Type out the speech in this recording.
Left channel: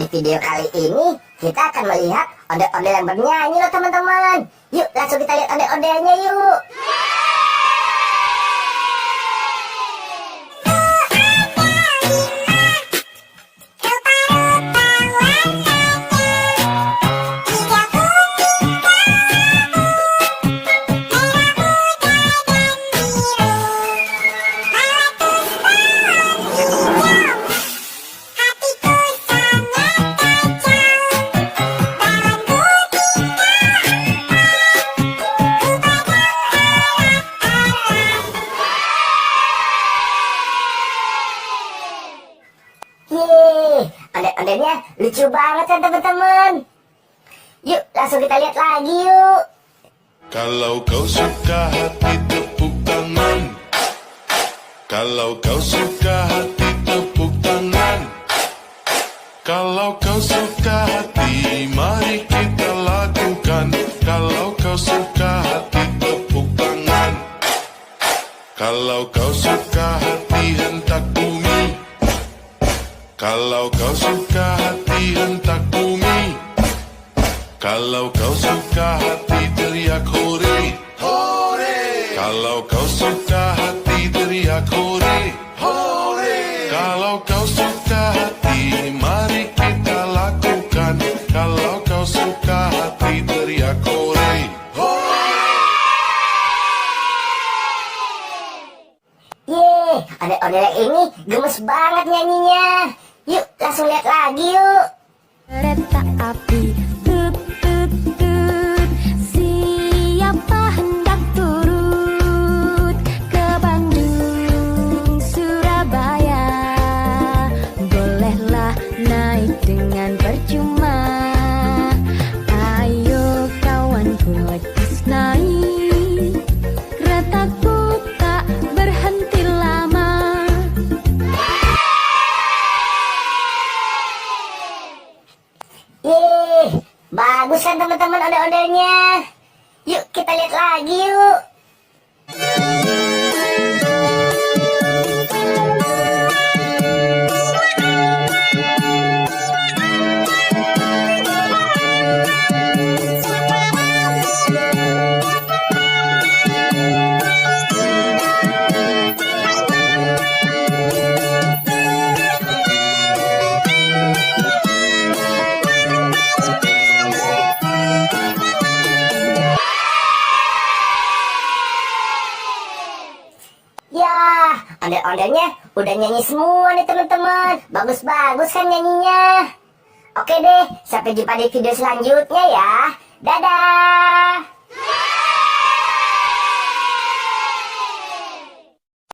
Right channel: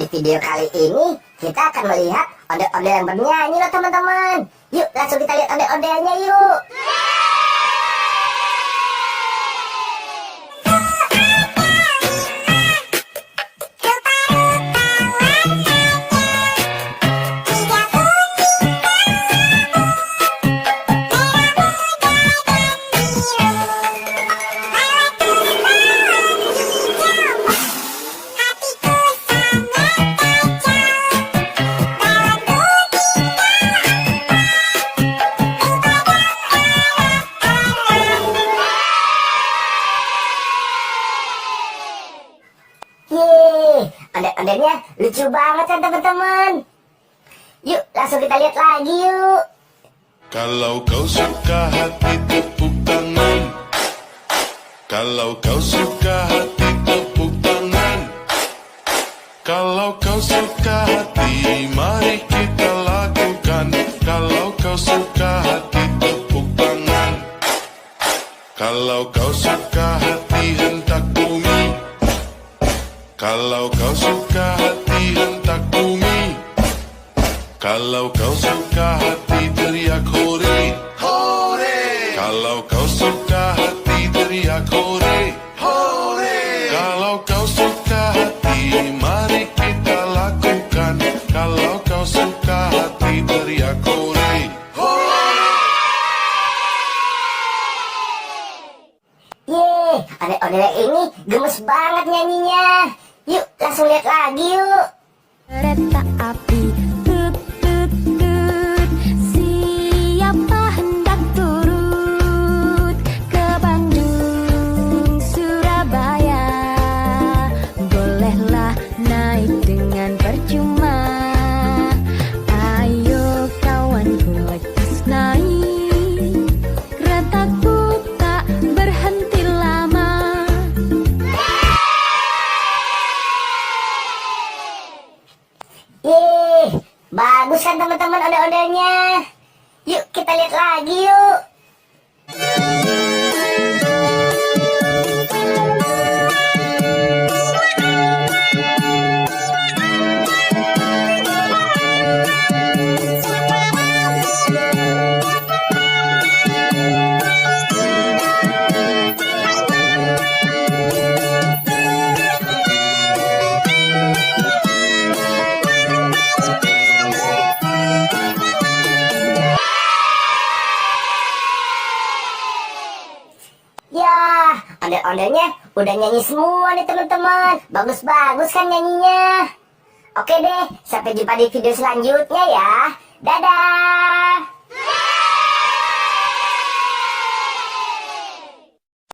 Di video kali ini kita akan melihat ondel-ondel yang bernyanyi loh teman-teman. Yuk langsung kita lihat ondel-ondelnya yuk. Yeay, ondel-ondelnya lucu banget kan teman-teman. Yuk langsung kita lihat lagi yuk. Kalau kau suka hati tepuk tangan. Kalau kau suka hati tepuk tangan. Kalau kau suka hati mari kita lakukan. Kalau kau suka hati tepuk tangan. Kalau kau suka hati hentak bumi. Kalau kau suka hati hentak bumi. Kalau kau suka hati teriak hore, hore. Kalau kau suka hati teriak hore, hore. Kalau kau suka hati mari kita lakukan. Kalau kau suka hati teriak hore, hore. Yeay, ondel-ondel yang ini gemes banget nyanyinya. Yuk langsung lihat lagi yuk. Kereta api tut tut tut, siapa hendak turut ke Bandung Surabaya, bolehlah naik dengan percuma. Ayo kawanku lekas naik, keretaku tak berhenti lama. Yeay, bagus kan teman-teman ondel-ondelnya. Yuk kita lihat lagi yuk. Ya, ondel-ondelnya udah nyanyi semua nih teman-teman. Bagus-bagus kan nyanyinya. Oke deh, sampai jumpa di video selanjutnya ya. Dadah.